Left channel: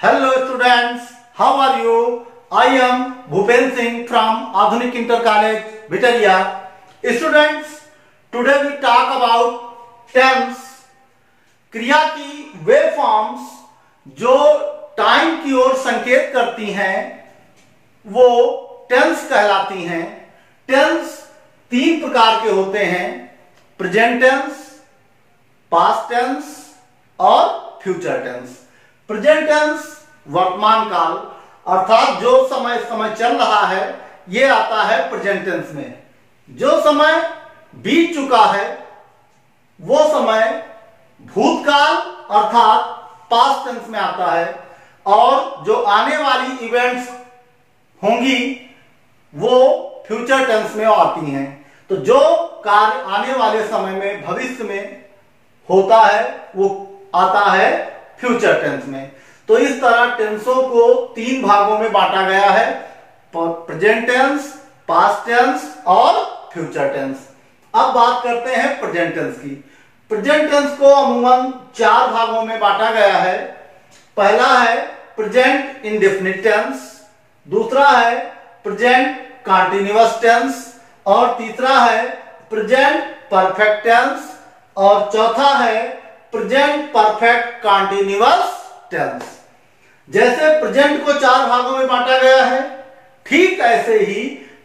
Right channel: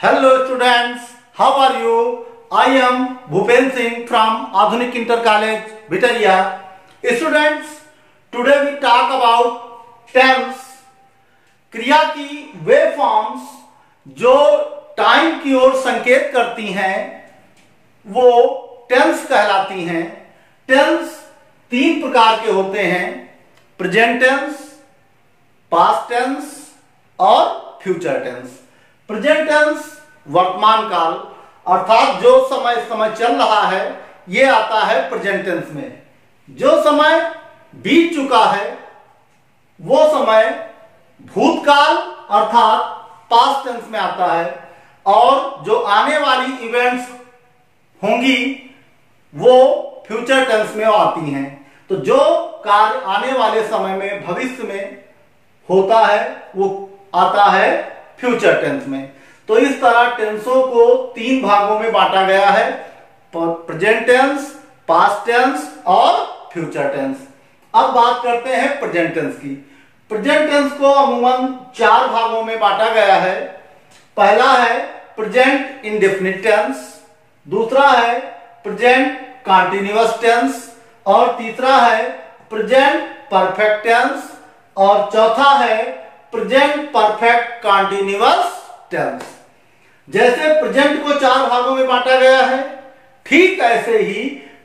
Hello students, how are you? I am Bhupen Singh from Adhunik Inter College, Bitaria. Students, today we talk about tense. क्रिया की वे forms जो time की ओर संकेत करती हैं वो टेंस कहलाती हैं। टेंस तीन प्रकार के होते हैं, प्रेजेंट टेंस, पास्ट टेंस और फ्यूचर टेंस। प्रेजेंट टेंस वर्तमान काल अर्थात जो समय चल रहा है ये आता है प्रेजेंट टेंस में। जो समय बीत चुका है वो समय भूतकाल अर्थात पास्ट टेंस में आता है और जो आने वाली इवेंट्स होंगी वो फ्यूचर टेंस में आती हैं। तो जो कार्य आने वाले समय में भविष्य में होता है वो आता है फ्यूचर टेंस में। तो इस तरह टेंसों को तीन भागों में बांटा गया है, प्रेजेंट टेंस, पास्ट टेंस और फ्यूचर टेंस। अब बात करते हैं प्रेजेंट टेंस की। प्रेजेंट टेंस को अमूमन चार भागों में बांटा गया है। पहला है प्रेजेंट इंडेफिनिट टेंस, दूसरा है प्रेजेंट कंटीन्यूअस टेंस और तीसरा है प्रेजेंट परफेक्ट टेंस और चौथा है प्रेजेंट परफेक्ट कंटीन्यूअस टेंस। जैसे प्रेजेंट को चार भागों में बांटा गया है, ठीक ऐसे ही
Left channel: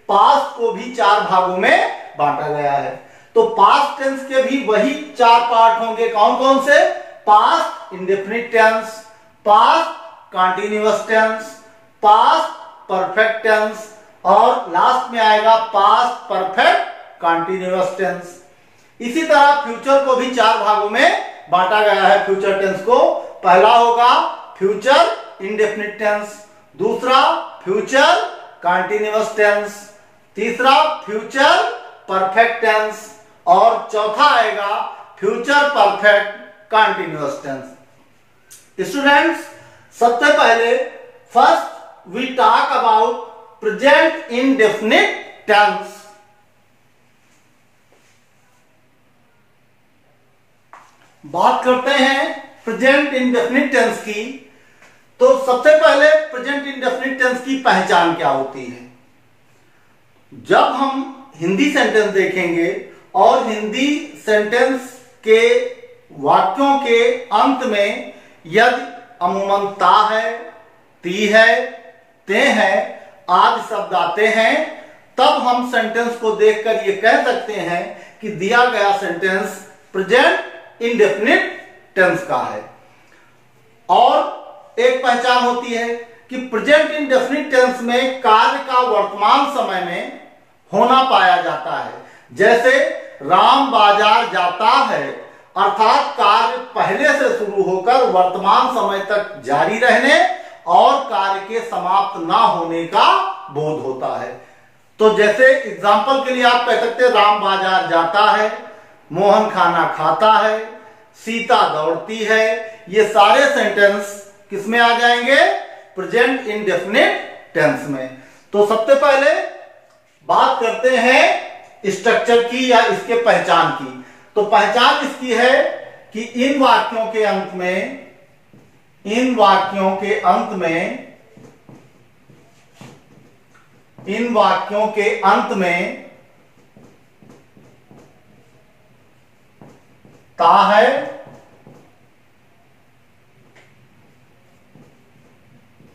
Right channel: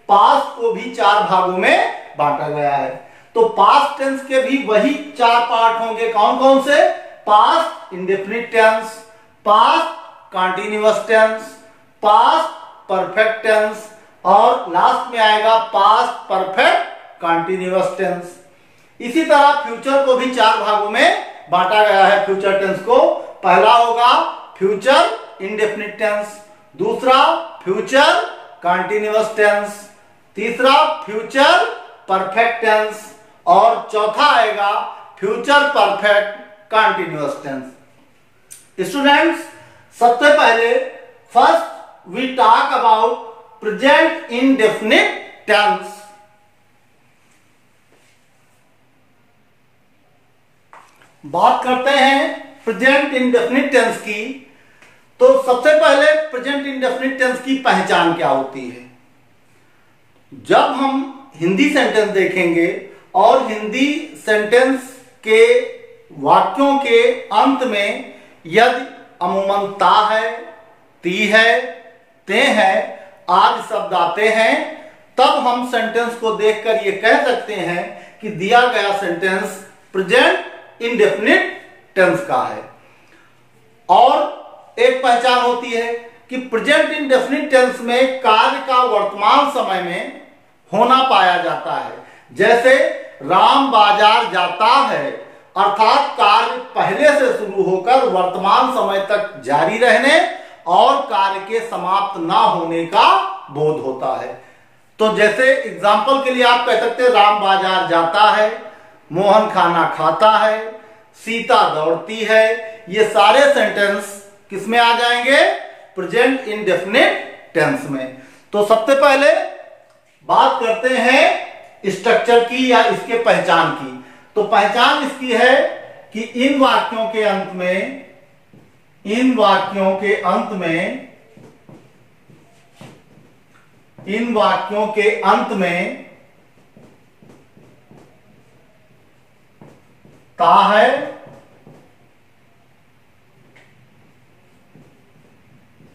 पास्ट को भी चार भागों में बांटा गया है। तो पास्ट टेंस के भी वही चार पार्ट होंगे। कौन कौन से? Past indefinite tense, past continuous tense, past perfect tense और लास्ट में आएगा पास्ट परफेक्ट कंटीन्यूअस टेंस। इसी तरह फ्यूचर को भी चार भागों में बांटा गया है। फ्यूचर टेंस को पहला होगा फ्यूचर इंडेफिनिट टेंस, दूसरा फ्यूचर कंटीन्यूअस टेंस, तीसरा फ्यूचर परफेक्ट टेंस और चौथा आएगा future perfect continuous tense. Students, सबसे पहले first we talk about present indefinite tense. बात करते हैं प्रेजेंट इंडेफिनिट टेंस की। तो सबसे पहले प्रेजेंट इंडेफिनिट टेंस की पहचान क्या होती है? जब हम हिंदी सेंटेंस देखेंगे और हिंदी सेंटेंस के वाक्यों के अंत में यदि अमूमन ता है, ती है, ते है आदि शब्द आते हैं तब हम सेंटेंस को देखकर ये कह सकते हैं कि दिया गया सेंटेंस प्रेजेंट इंडेफिनिट टेंस का है। और एक पहचान होती है कि प्रेजेंट इंडेफिनिट टेंस में कार्य का वर्तमान समय में होना पाया जाता है। जैसे राम बाजार जाता है अर्थात कार्य पहले से शुरू होकर वर्तमान समय तक जारी रहने और कार्य के समाप्त ना होने का बोध होता है। तो जैसे एग्जाम्पल के लिए आप कह सकते हैं राम बाजार जाता है, मोहन खाना खाता है, सीता दौड़ती है। ये सारे सेंटेंस किसमें आ जाएंगे? प्रेजेंट इंडेफिनिट टेंस में। तो सबसे पहले बात करते हैं स्ट्रक्चर की या इसके पहचान की। तो पहचान इसकी है कि इन वाक्यों के अंत में ता है,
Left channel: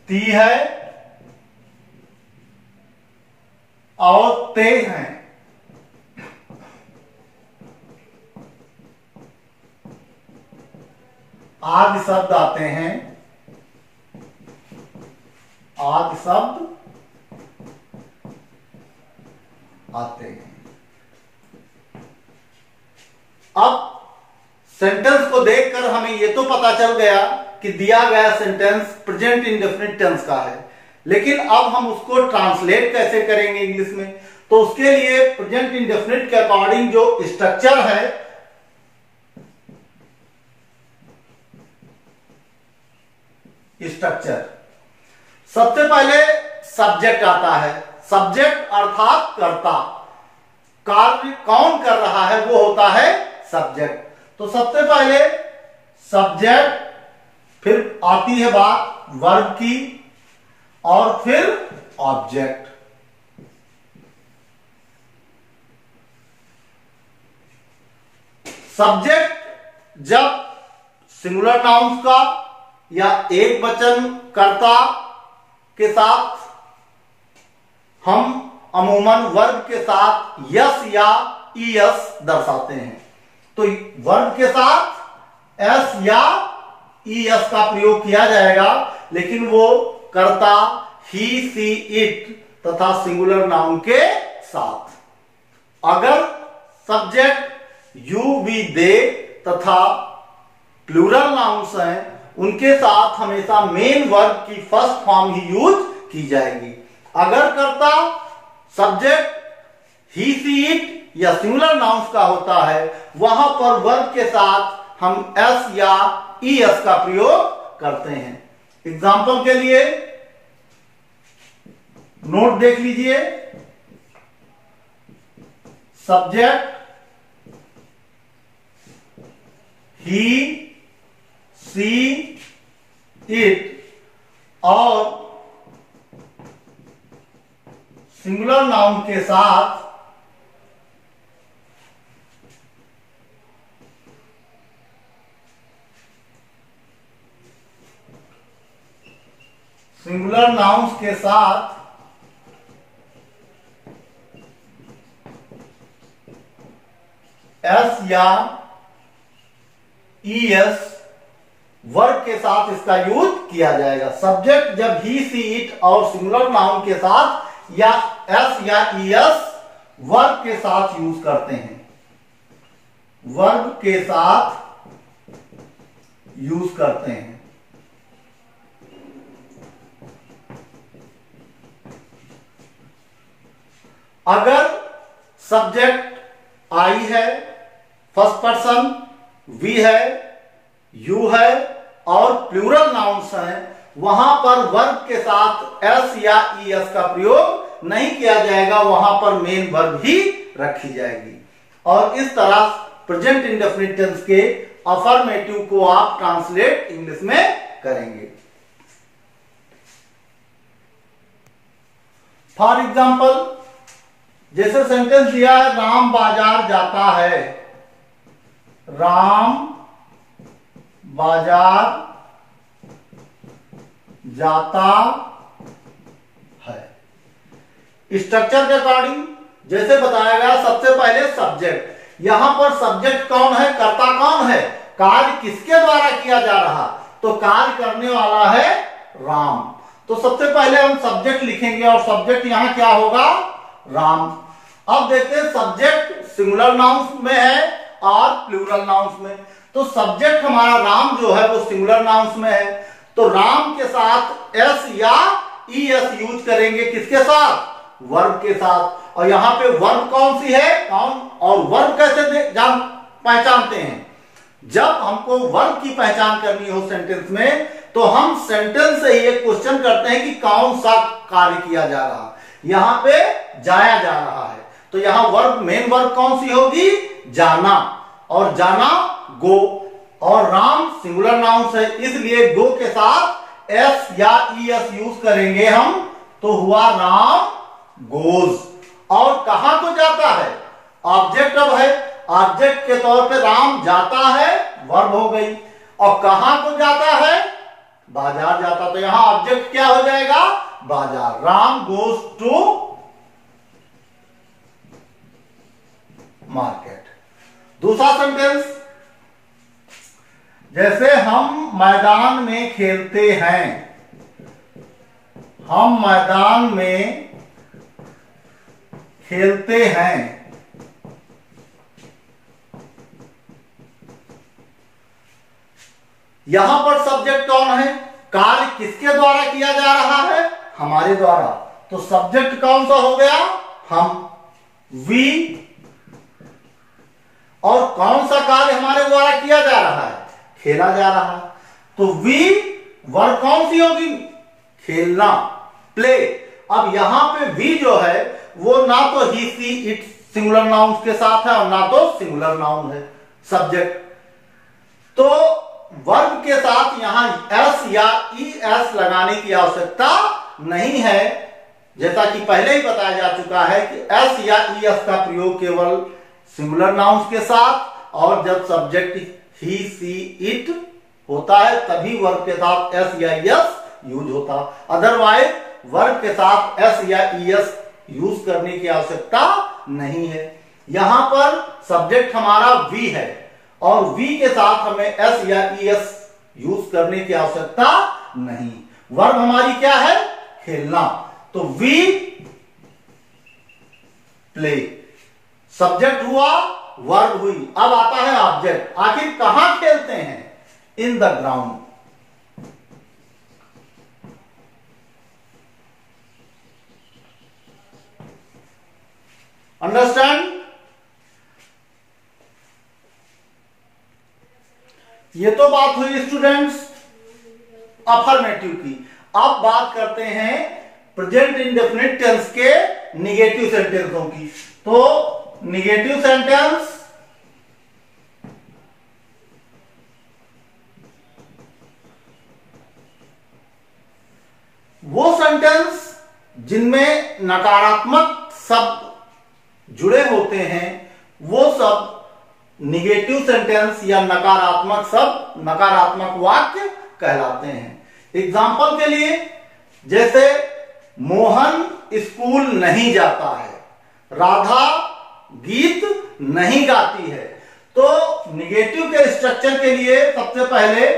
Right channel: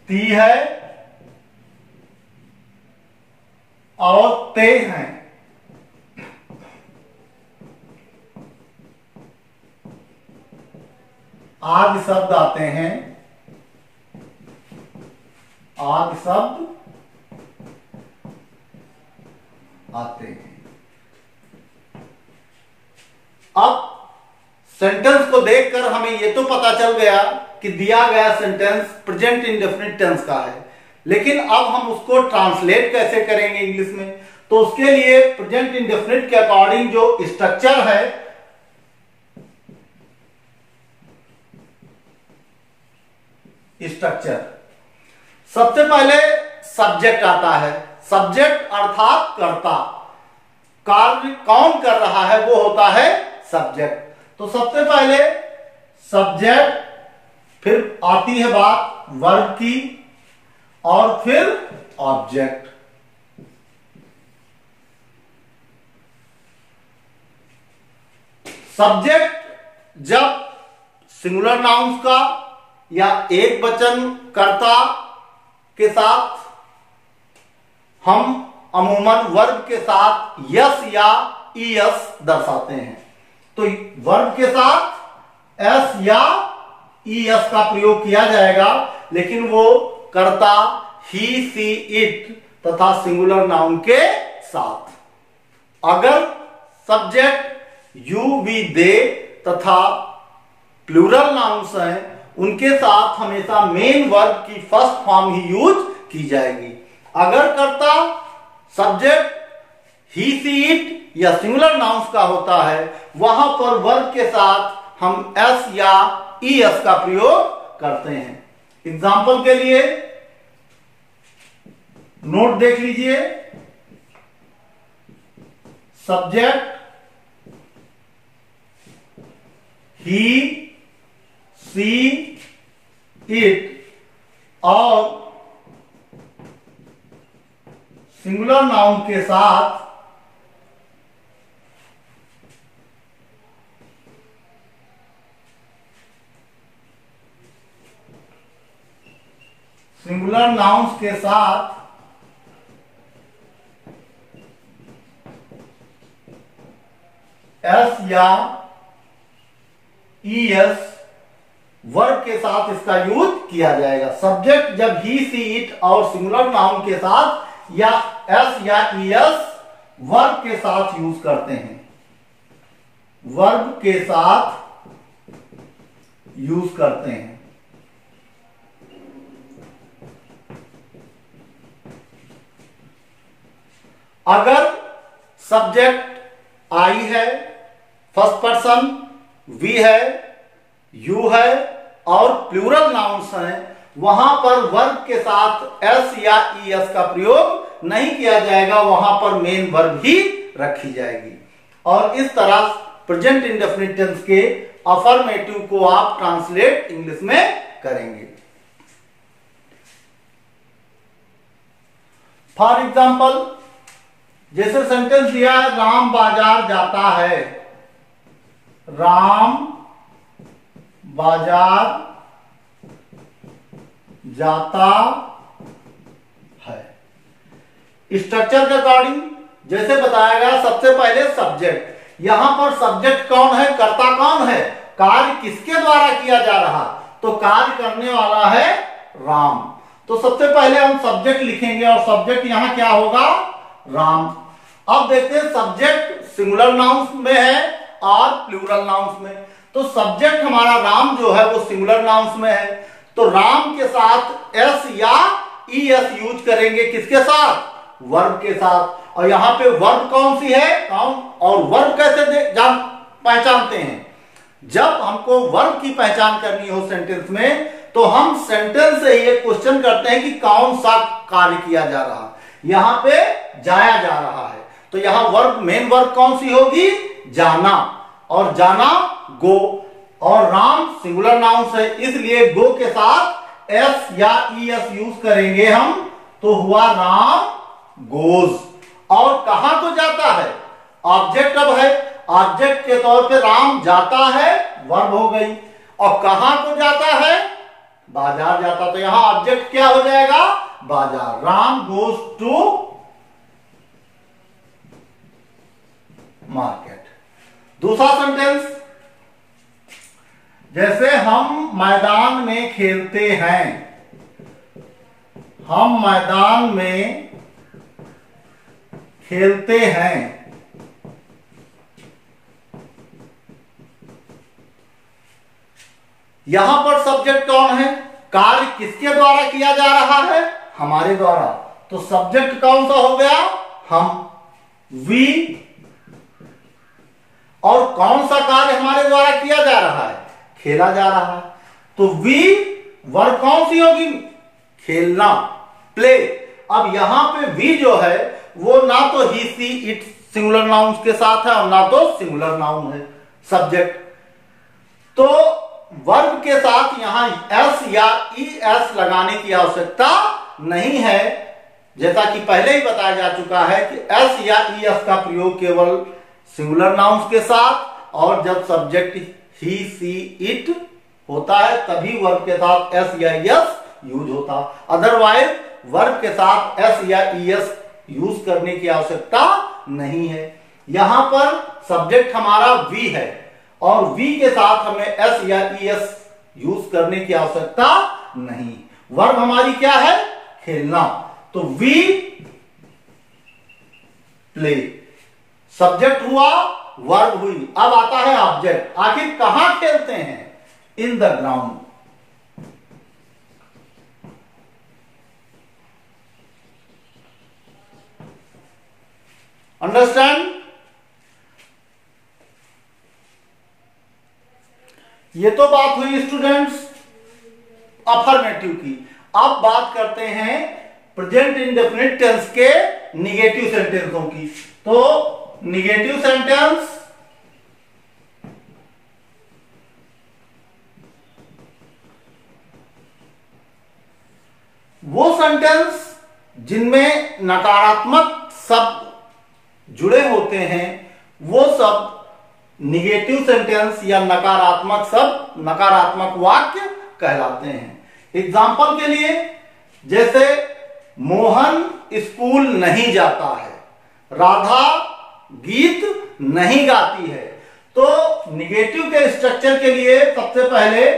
ती है और ते हैं। आदि शब्द आते हैं, आदि शब्द आते हैं। अब सेंटेंस को देखकर हमें यह तो पता चल गया कि दिया गया सेंटेंस प्रेजेंट इंडेफिनिट टेंस का है, लेकिन अब हम उसको ट्रांसलेट कैसे करेंगे इंग्लिश में? तो उसके लिए प्रेजेंट इंडेफिनिट के अकॉर्डिंग जो स्ट्रक्चर है सबसे पहले सब्जेक्ट आता है। सब्जेक्ट अर्थात कर्ता, कार्य कौन कर रहा है वो होता है सब्जेक्ट। तो सबसे पहले सब्जेक्ट फिर आती है बात वर्ब की, और फिर ऑब्जेक्ट। सब्जेक्ट जब सिंगुलर नाउन्स का या एक वचन कर्ता के साथ, हम अमूमन वर्ब के साथ यस या ईएस दर्शाते हैं। तो वर्ब के साथ एस या ईएस का प्रयोग किया जाएगा, लेकिन वो कर्ता ही, सी, इट तथा सिंगुलर नाउन के साथ। अगर सब्जेक्ट यू, वी, दे तथा प्लूरल नाउन्स हैं, उनके साथ हमेशा मेन वर्ब की फर्स्ट फॉर्म ही यूज की जाएगी। अगर कर्ता सब्जेक्ट ही, सी, इट या सिंगुलर नाउन्स का होता है, वहां पर वर्ब के साथ हम एस या ईएस का प्रयोग करते हैं। एग्जाम्पल के लिए नोट देख लीजिए। सब्जेक्ट ही, सी, इट और सिंगुलर नाउन के साथ सिंगुलर नाउन्स के साथ एस या ईएस वर्ब के साथ इसका यूज किया जाएगा। सब्जेक्ट जब ही, सी, इट और सिंगुलर नाउन के साथ या एस या ईएस वर्ब के साथ यूज करते हैं, वर्ब के साथ यूज करते हैं। अगर सब्जेक्ट आई है, फर्स्ट पर्सन वी है, यू है और प्लूरल नाउन्स हैं, वहां पर वर्ब के साथ एस या ईएस का प्रयोग नहीं किया जाएगा, वहां पर मेन वर्ब ही रखी जाएगी। और इस तरह प्रेजेंट इंडेफिनिट टेंस के अफर्मेटिव को आप ट्रांसलेट इंग्लिश में करेंगे। फॉर एग्जाम्पल, जैसे सेंटेंस दिया है, राम बाजार जाता है। राम बाजार जाता है। स्ट्रक्चर के अकॉर्डिंग जैसे बताया गया, सबसे पहले सब्जेक्ट। यहां पर सब्जेक्ट कौन है, कर्ता कौन है, कार्य किसके द्वारा किया जा रहा, तो कार्य करने वाला है राम। तो सबसे पहले हम सब्जेक्ट लिखेंगे और सब्जेक्ट यहां क्या होगा, राम। अब देखते हैं सब्जेक्ट सिंगुलर नाउन्स में है और प्लूरल नाउन्स में। तो सब्जेक्ट हमारा राम जो है वो सिंगुलर नाउन्स में है, तो राम के साथ एस या ईएस यूज करेंगे, किसके साथ, वर्ब के साथ। और यहां पे वर्ब कौन सी है, कौन, और वर्ब कैसे पहचानते हैं, जब हमको वर्ब की पहचान करनी हो सेंटेंस में, तो हम सेंटेंस से ही एक क्वेश्चन करते हैं कि कौन सा कार्य किया जा रहा है। यहां पे जाया जा रहा है, तो यहां वर्ब, मेन वर्ब कौन सी होगी, जाना, और जाना गो, और राम सिंगुलर नाउन है, इसलिए गो के साथ एस या ईएस यूज करेंगे हम, तो हुआ राम गोज। और कहां को जाता है, ऑब्जेक्ट अब है, ऑब्जेक्ट के तौर पे राम जाता है, वर्ब हो गई। और कहां को जाता है, बाजार जाता, तो यहां ऑब्जेक्ट क्या हो जाएगा, बाजार। Ram goes to market. दूसरा सेंटेंस, जैसे हम मैदान में खेलते हैं। हम मैदान में खेलते हैं। यहां पर सब्जेक्ट कौन है, कार्य किसके द्वारा किया जा रहा है, हमारे द्वारा। तो सब्जेक्ट कौन सा हो गया, हम, वी। और कौन सा कार्य हमारे द्वारा किया जा रहा है, खेला जा रहा है। तो वी वर्ब कौन सी होगी, खेलना, प्ले। अब यहां पे वी जो है वो ना तो ही, सी, इट सिंगुलर नाउन के साथ है और ना तो सिंगुलर नाउन है, सब्जेक्ट। तो वर्ब के साथ यहां एस या ईएस लगाने की आवश्यकता नहीं है, जैसा कि पहले ही बताया जा चुका है कि एस या ईएस का प्रयोग केवल सिंगुलर नाउन्स के साथ और जब सब्जेक्ट ही सी इट होता है तभी वर्ब के साथ एस या ईएस यूज होता, अदरवाइज वर्ब के साथ एस या ईएस यूज करने की आवश्यकता नहीं है। यहां पर सब्जेक्ट हमारा वी है और वी के साथ हमें एस या ईएस यूज करने की आवश्यकता नहीं। वर्ब हमारी क्या है? खेलना। तो वी प्ले, सब्जेक्ट हुआ, वर्ब हुई, अब आता है ऑब्जेक्ट। आखिर कहां खेलते हैं? In the ground. अंडरस्टैंड? ये तो बात हुई स्टूडेंट्स अफर्मेटिव की। अब बात करते हैं प्रेजेंट इंडेफिनिट टेंस के निगेटिव सेंटेंसों की। तो निगेटिव सेंटेंस वो सेंटेंस जिनमें नकारात्मक शब्द जुड़े होते हैं, वो सब निगेटिव सेंटेंस या नकारात्मक शब्द, नकारात्मक वाक्य कहलाते हैं। एग्जाम्पल के लिए, जैसे मोहन स्कूल नहीं जाता है, राधा गीत नहीं गाती है। तो निगेटिव के स्ट्रक्चर के लिए सबसे पहले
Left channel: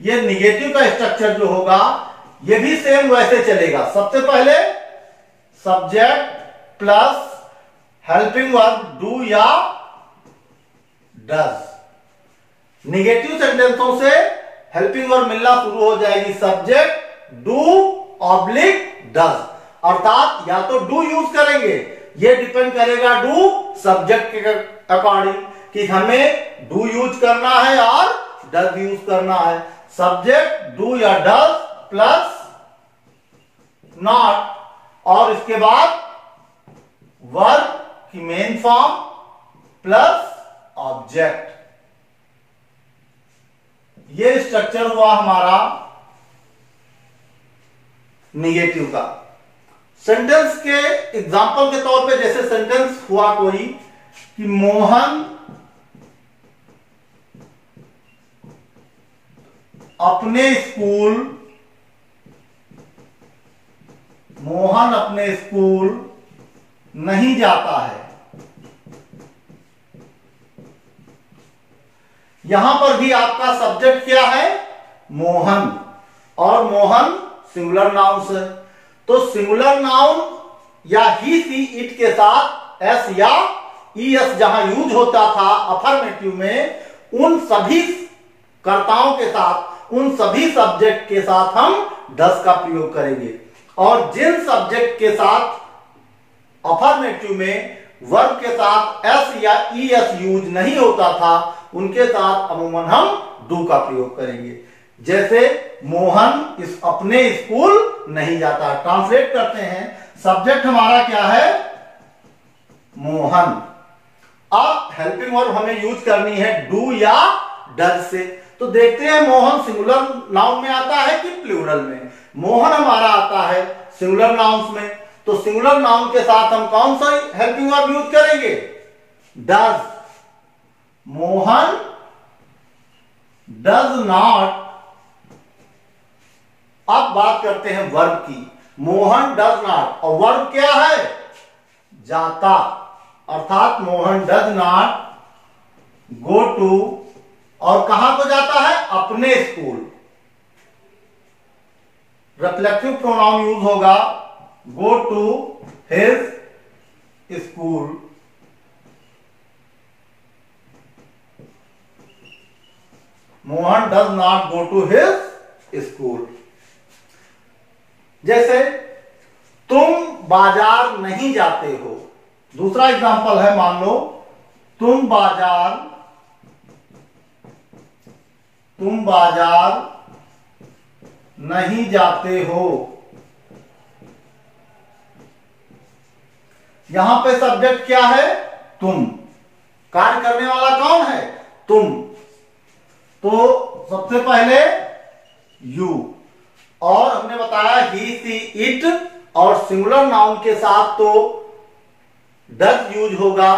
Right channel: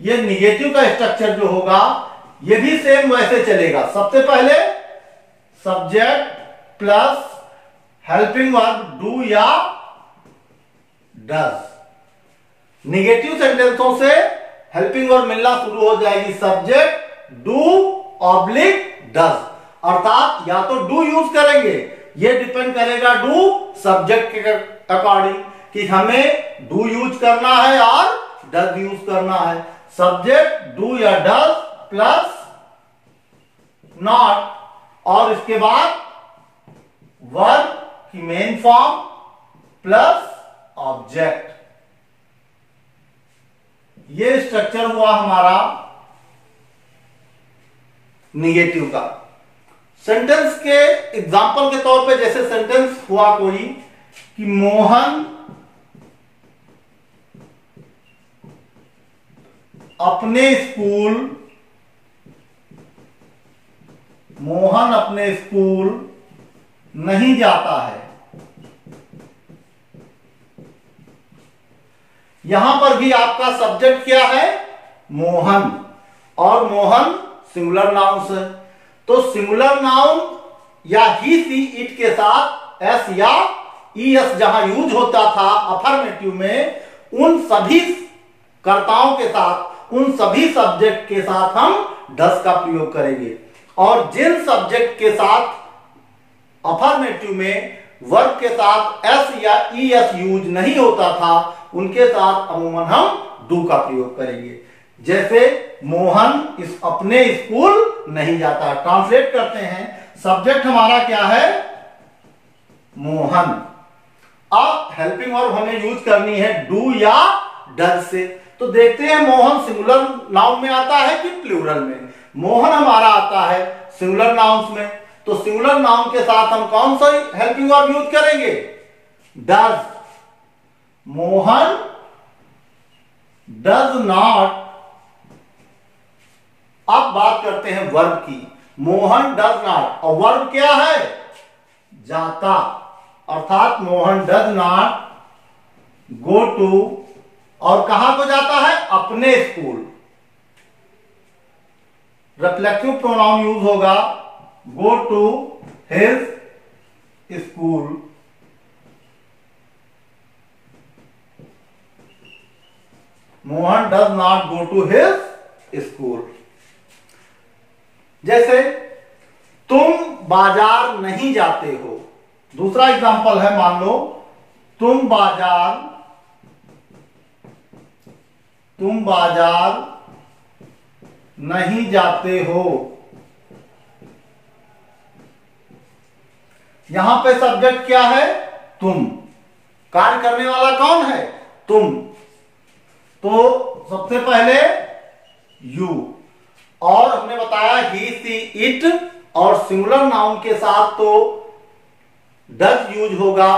ये निगेटिव का स्ट्रक्चर जो होगा ये भी सेम वैसे चलेगा। सबसे पहले subject plus helping verb do या डज। निगेटिव सेंटेंसों से हेल्पिंग वर्ब मिलना शुरू हो जाएगी, सब्जेक्ट डू ऑब्लिक डज, अर्थात या तो डू यूज करेंगे, ये डिपेंड करेगा डू सब्जेक्ट के अकॉर्डिंग कि हमें डू यूज करना है और डज यूज करना है। सब्जेक्ट डू या डज प्लस नॉट, और इसके बाद वर्ब की मेन फॉर्म प्लस ऑब्जेक्ट। ये स्ट्रक्चर हुआ हमारा निगेटिव का। सेंटेंस के एग्जाम्पल के तौर पे जैसे सेंटेंस हुआ कोई कि मोहन अपने स्कूल नहीं जाता है। यहां पर भी आपका सब्जेक्ट क्या है? मोहन, और मोहन सिंगुलर नाउन है। तो सिंगुलर नाउन या ही सी इट के साथ एस या ईएस जहां यूज होता था अफर्मेटिव में, उन सभी कर्ताओं के साथ, उन सभी सब्जेक्ट के साथ हम डज का प्रयोग करेंगे। और जिन सब्जेक्ट के साथ अफर्मेटिव में वर्ब के साथ एस या ईएस यूज नहीं होता था, उनके साथ अमूमन हम डू का प्रयोग करेंगे। जैसे मोहन अपने स्कूल नहीं जाता। ट्रांसलेट करते हैं, सब्जेक्ट हमारा क्या है? मोहन। अब हेल्पिंग वर्ब हमें यूज करनी है डू या डज से। तो देखते हैं मोहन सिंगुलर नाउन में आता है कि प्लूरल में। मोहन हमारा आता है सिंगुलर नाउन्स में, तो सिंगुलर नाउन के साथ हम कौन सा हेल्पिंग वर्ब यूज करेंगे? डज। Mohan does not. अब बात करते हैं वर्ब की। मोहन डज नॉट, और वर्ब क्या है? जाता, अर्थात Mohan does not go to, और कहां को जाता है? अपने स्कूल। रिफ्लेक्सिव प्रोनाउन यूज होगा go to his school. Mohan does not go to his school. जैसे तुम बाजार नहीं जाते हो। दूसरा एग्जांपल है, मान लो तुम बाजार नहीं जाते हो। यहां पे सब्जेक्ट क्या है? तुम। कार्य करने वाला कौन है? तुम। तो सबसे पहले यू, और हमने बताया ही, सी, इट, और सिंगुलर नाउन के साथ तो डज यूज होगा,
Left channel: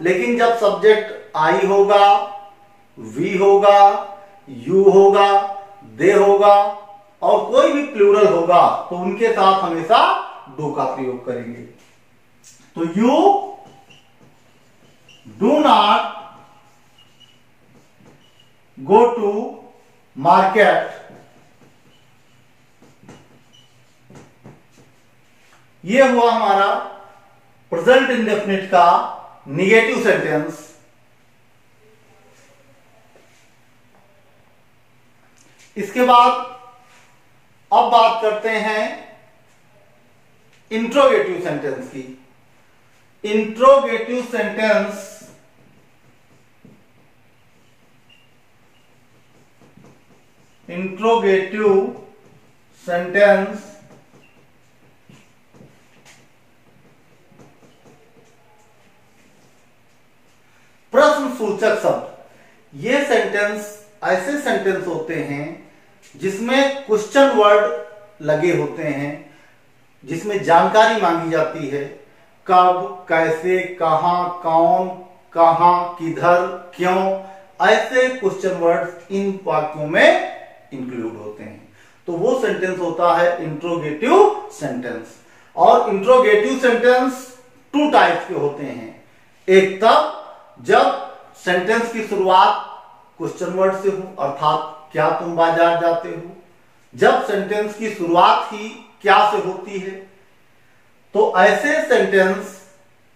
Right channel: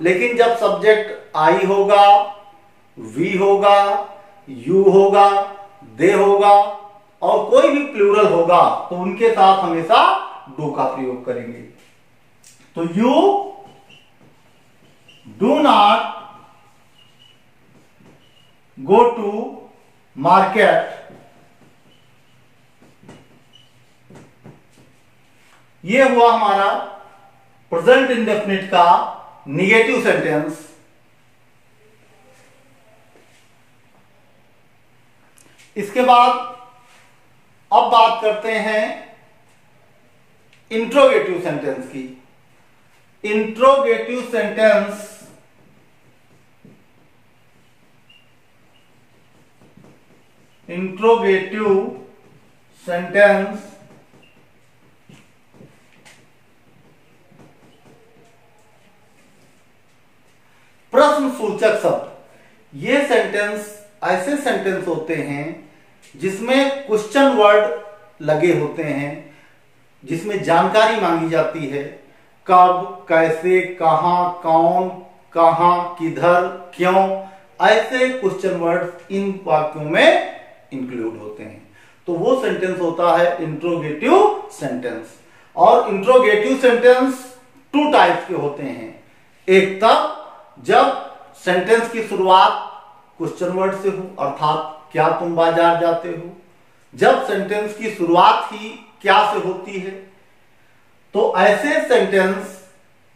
लेकिन जब सब्जेक्ट आई होगा, वी होगा, यू होगा, दे होगा और कोई भी प्लूरल होगा तो उनके साथ हमेशा डू का प्रयोग करेंगे। तो you do not go to market, ये हुआ हमारा प्रेजेंट इंडेफिनिट का निगेटिव सेंटेंस। इसके बाद अब बात करते हैं इंट्रोगेटिव सेंटेंस की। इंट्रोगेटिव सेंटेंस प्रश्न सूचक शब्द। ये सेंटेंस ऐसे सेंटेंस होते हैं जिसमें क्वेश्चन वर्ड लगे होते हैं, जिसमें जानकारी मांगी जाती है, कब, कैसे, कहां, कौन, कहां, किधर, क्यों, ऐसे क्वेश्चन वर्ड इन वाक्यों में इंक्लूड होते हैं। तो वो सेंटेंस होता है इंट्रोगेटिव सेंटेंस। और इंट्रोगेटिव सेंटेंस टू टाइप के होते हैं। एक तब जब सेंटेंस की शुरुआत क्वेश्चन वर्ड से हो, अर्थात क्या तुम बाजार जाते हो, जब सेंटेंस की शुरुआत ही क्या से होती है, तो ऐसे सेंटेंस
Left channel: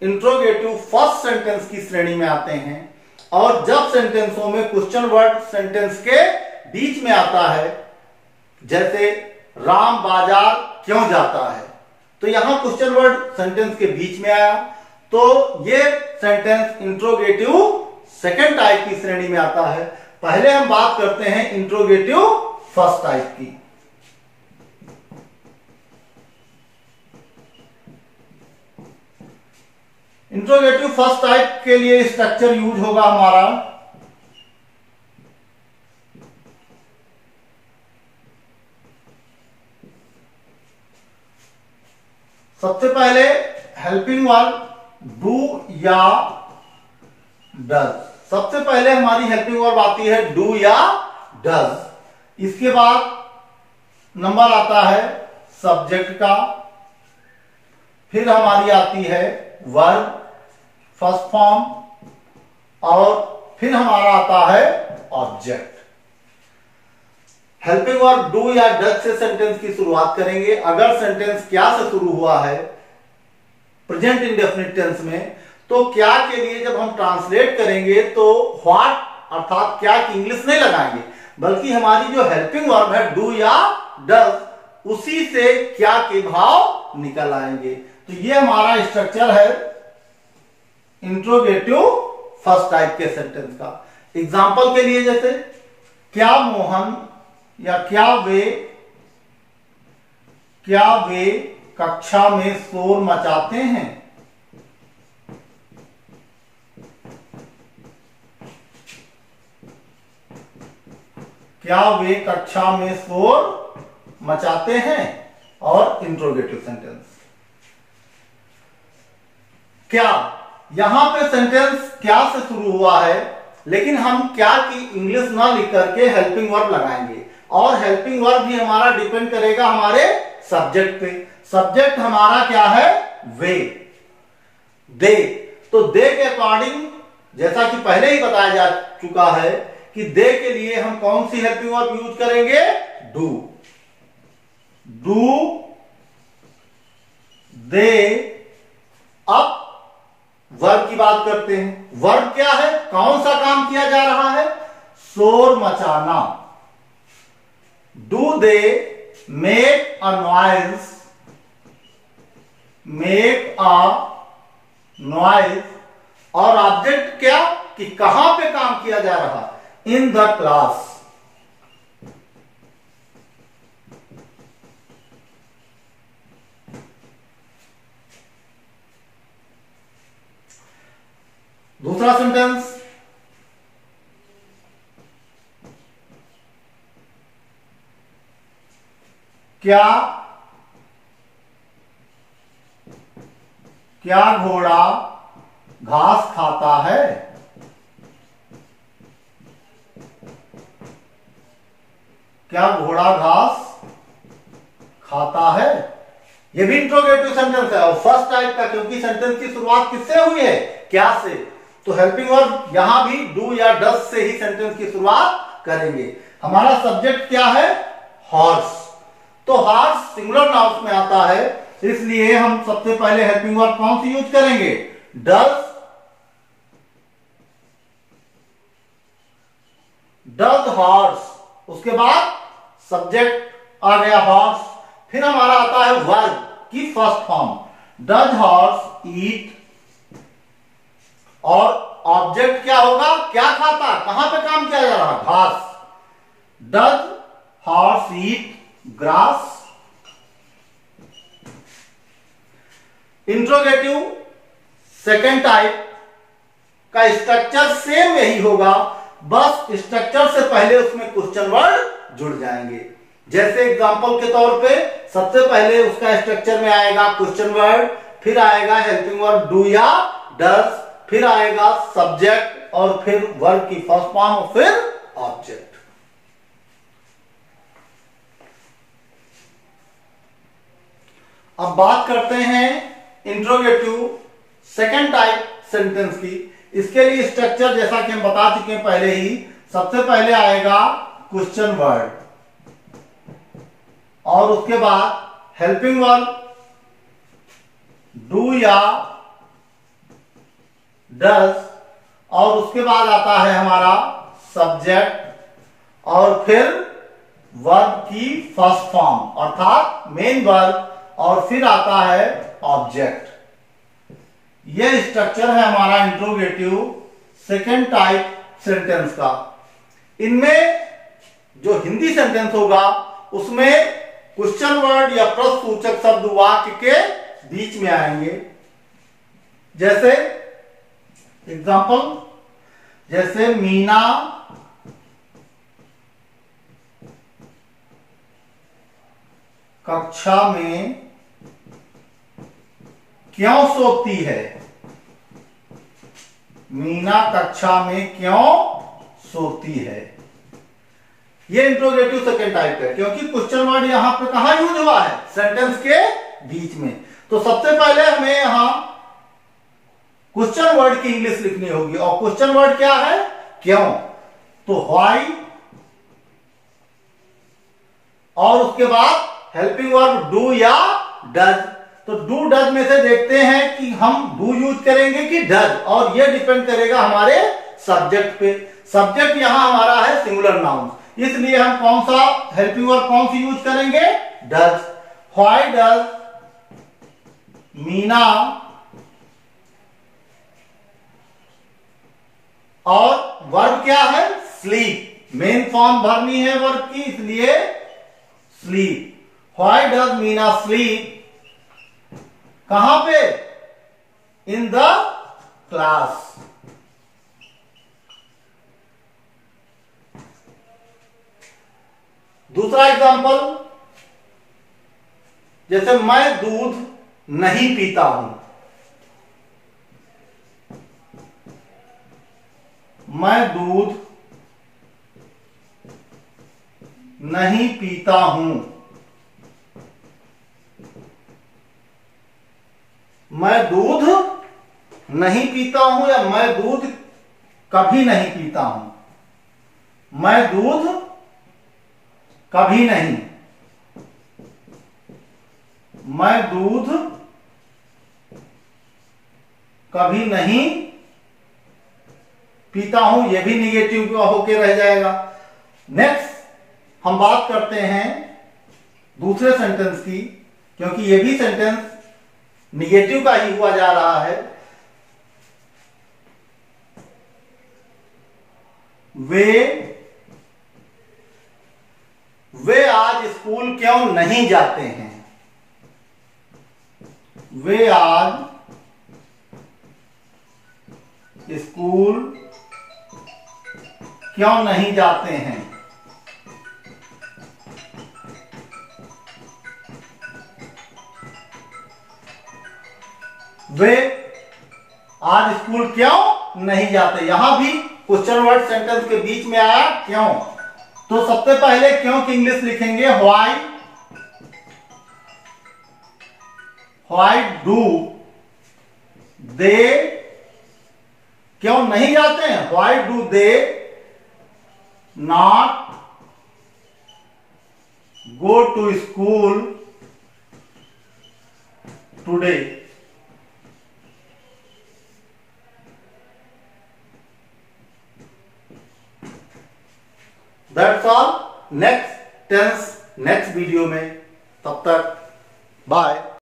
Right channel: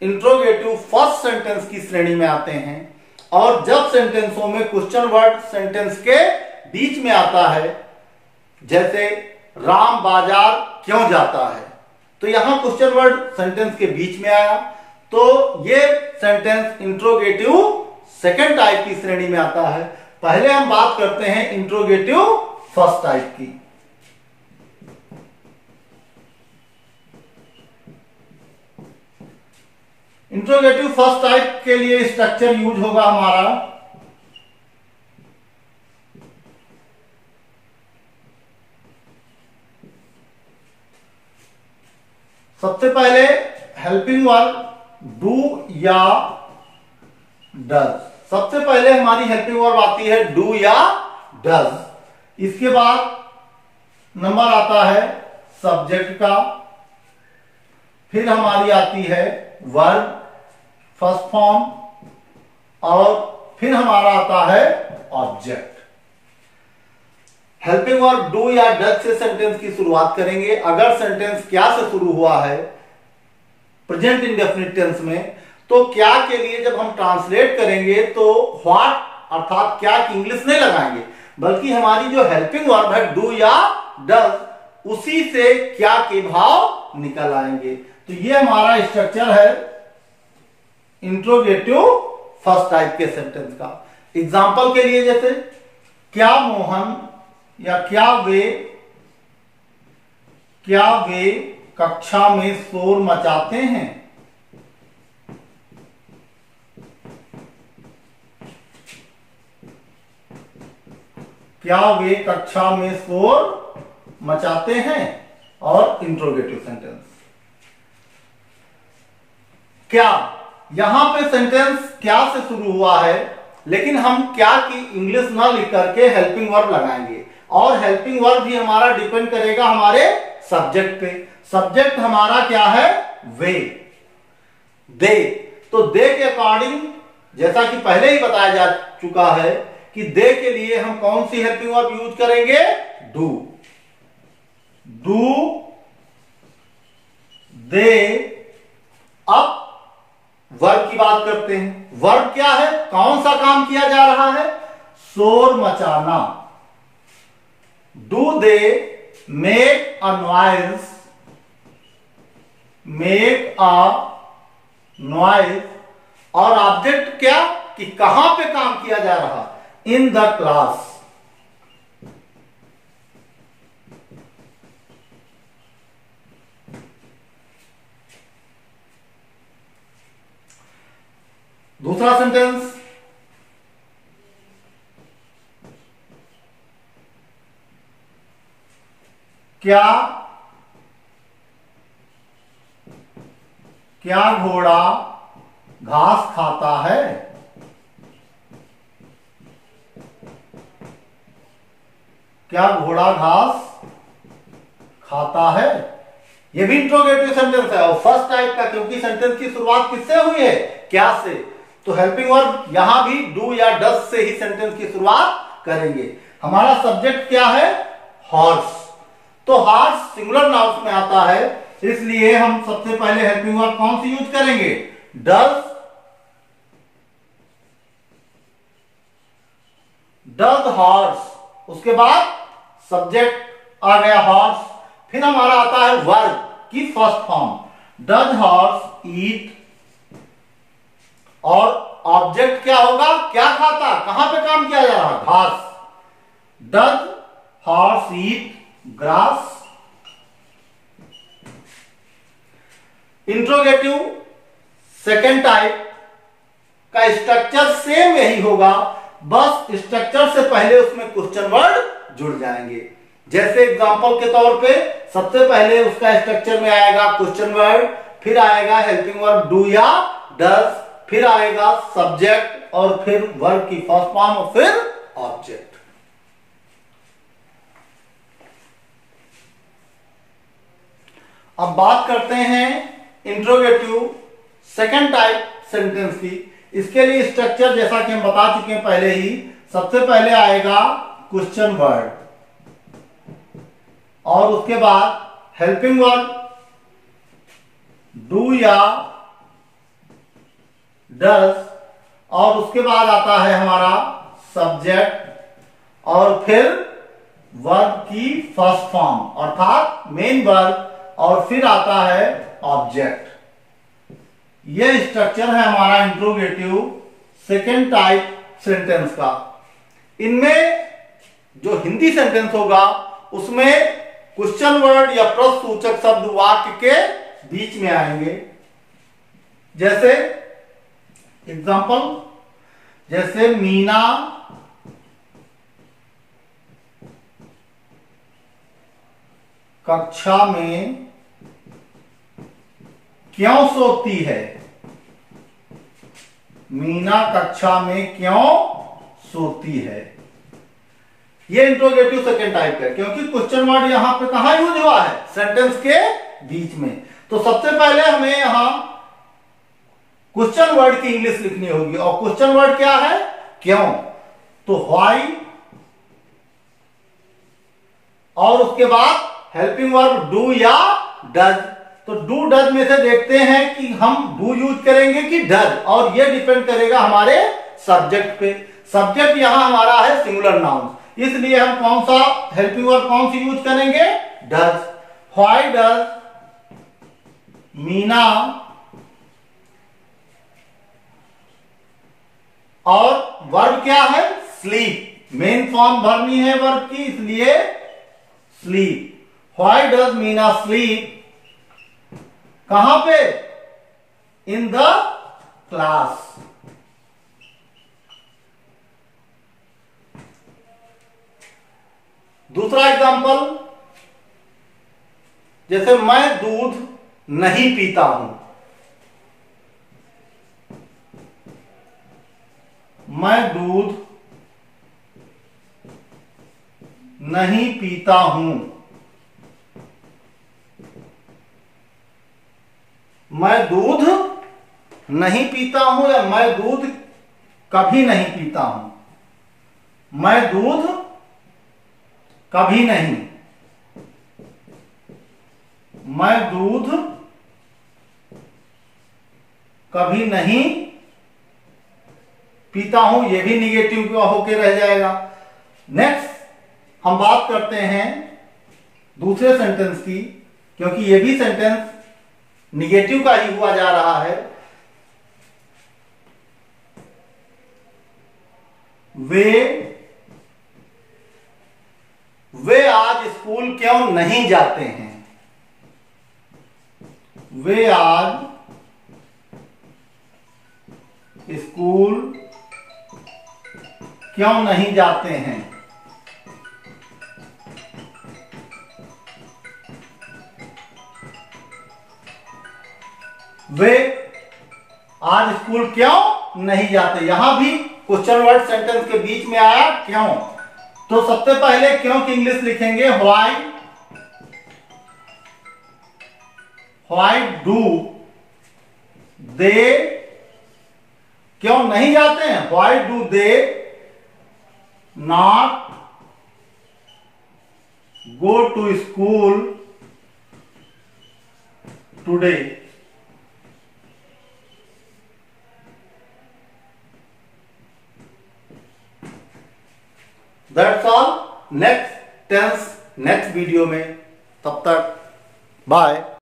इंट्रोगेटिव फर्स्ट सेंटेंस की श्रेणी में आते हैं। और जब सेंटेंसों में क्वेश्चन वर्ड सेंटेंस के बीच में आता है, जैसे राम बाजार क्यों जाता है, तो यहां क्वेश्चन वर्ड सेंटेंस के बीच में आया, तो ये सेंटेंस इंट्रोगेटिव सेकंड टाइप की श्रेणी में आता है। पहले हम बात करते हैं इंट्रोगेटिव फर्स्ट टाइप की। इंट्रोगेटिव फर्स्ट टाइप के लिए स्ट्रक्चर यूज होगा हमारा सबसे पहले हेल्पिंग वर्ब डू या डज। सबसे पहले हमारी हेल्पिंग वर्ब आती है डू या डज। इसके बाद नंबर आता है सब्जेक्ट का, फिर हमारी आती है वर्ब फर्स्ट फॉर्म, और फिर हमारा आता है ऑब्जेक्ट। हेल्पिंग वर्ब डू या डज से सेंटेंस की शुरुआत करेंगे। अगर सेंटेंस क्या से शुरू हुआ है प्रेजेंट इंडेफिनिट टेंस में, तो क्या के लिए जब हम ट्रांसलेट करेंगे तो व्हाट अर्थात क्या की इंग्लिश नहीं लगाएंगे, बल्कि हमारी जो हेल्पिंग वर्ब है डू या डज उसी से क्या के भाव निकल आएंगे। तो ये हमारा स्ट्रक्चर है इंट्रोगेटिव फर्स्ट टाइप के सेंटेंस का। एग्जाम्पल के लिए जैसे क्या मोहन या क्या वे कक्षा में शोर मचाते हैं। क्या वे कक्षा में शोर मचाते हैं, और इंट्रोगेटिव सेंटेंस। क्या, यहां पे सेंटेंस क्या से शुरू हुआ है, लेकिन हम क्या की इंग्लिश ना लिख करके हेल्पिंग वर्ब लगाएंगे, और हेल्पिंग वर्ब भी हमारा डिपेंड करेगा हमारे सब्जेक्ट पे। सब्जेक्ट हमारा क्या है? वे, दे। तो दे के अकॉर्डिंग जैसा कि पहले ही बताया जा चुका है कि दे के लिए हम कौन सी हेल्पिंग वर्ब यूज करेंगे? डू। दे। अब वर्ब की बात करते हैं। वर्ब क्या है? कौन सा काम किया जा रहा है? शोर मचाना। Do they make a noise, और ऑब्जेक्ट क्या कि कहां पे काम किया जा रहा? In the class. दूसरा सेंटेंस, क्या क्या घोड़ा घास खाता है? क्या घोड़ा घास खाता है? ये भी इंट्रोगेटिव सेंटेंस है और फर्स्ट टाइप का, क्योंकि सेंटेंस की शुरुआत किससे हुई है? क्या से। तो हेल्पिंग वर्ब यहां भी डू या डस से ही सेंटेंस की शुरुआत करेंगे। हमारा सब्जेक्ट क्या है? हॉर्स। तो हॉर्स सिंगुलर नाउन में आता है, इसलिए हम सबसे पहले हेल्पिंग वर्ब कौन सी यूज करेंगे? डज। डज हॉर्स, उसके बाद सब्जेक्ट आ गया हॉर्स, फिर हमारा आता है वर्ब की फर्स्ट फॉर्म, डज हॉर्स ईट, और ऑब्जेक्ट क्या होगा? क्या खाता? कहां पे काम किया जा रहा? घास। Does horse eat grass. Interrogative second type का स्ट्रक्चर सेम यही होगा, बस स्ट्रक्चर से पहले उसमें क्वेश्चन वर्ड जुड़ जाएंगे। जैसे एग्जांपल के तौर पे सबसे पहले उसका स्ट्रक्चर में आएगा क्वेश्चन वर्ड, फिर आएगा हेल्पिंग वर्ब डू या डज, फिर आएगा सब्जेक्ट और फिर वर्ब की फर्स्ट फॉर्म और फिर ऑब्जेक्ट। अब बात करते हैं इंट्रोगेटिव सेकंड टाइप सेंटेंस की। इसके लिए स्ट्रक्चर जैसा कि हम बता चुके हैं पहले ही, सबसे पहले आएगा क्वेश्चन वर्ड और उसके बाद हेल्पिंग वर्ब डू या डज, और उसके बाद आता है हमारा सब्जेक्ट और फिर वर्ब की फर्स्ट फॉर्म अर्थात मेन वर्ब, और फिर आता है ऑब्जेक्ट। यह स्ट्रक्चर है हमारा इंट्रोगेटिव सेकेंड टाइप सेंटेंस का। इनमें जो हिंदी सेंटेंस होगा उसमें क्वेश्चन वर्ड या प्रश्नसूचक शब्द वाक्य के बीच में आएंगे। जैसे एग्जांपल, जैसे मीना कक्षा में क्यों सोती है? मीना कक्षा में क्यों सोती है? ये इंट्रोगेटिव सेकेंड टाइप है, क्योंकि क्वेश्चन वर्ड यहां पे कहां यूज हुआ है? सेंटेंस के बीच में। तो सबसे पहले हमें यहां क्वेश्चन वर्ड की इंग्लिश लिखनी होगी, और क्वेश्चन वर्ड क्या है? क्यों। तो व्हाई, और उसके बाद हेल्पिंग वर्ब डू या डज। तो डू डज में से देखते हैं कि हम डू यूज करेंगे कि डज, और ये डिपेंड करेगा हमारे सब्जेक्ट पे। सब्जेक्ट यहां हमारा है सिंगुलर नाउन, इसलिए हम कौन सा हेल्पिंग वर्ब कौन सी यूज करेंगे? डज। व्हाई डज मीना, और वर्ब क्या है? स्लीप। मेन फॉर्म भरनी है वर्ब की, इसलिए sleep. Why does Meena sleep? कहां पे? इन द क्लास। दूसरा एग्जांपल, जैसे मैं दूध नहीं पीता हूं। मैं दूध नहीं पीता हूं। मैं दूध नहीं पीता हूं या मैं दूध कभी नहीं पीता हूं। मैं दूध कभी नहीं, मैं दूध कभी नहीं पीता हूं, यह भी निगेटिव होके रह जाएगा। नेक्स्ट हम बात करते हैं दूसरे सेंटेंस की, क्योंकि यह भी सेंटेंस निगेटिव का ही हुआ जा रहा है। वे आज स्कूल क्यों नहीं जाते हैं? वे आज स्कूल क्यों नहीं जाते हैं? वे आज स्कूल क्यों नहीं जाते? यहां भी क्वेश्चन वर्ड सेंटेंस के बीच में आया क्यों। तो सबसे पहले क्यों की इंग्लिश लिखेंगे व्हाई डू दे, क्यों नहीं जाते हैं? Why do they not go to school today? That's all. Next tense next video में, तब तक बाय।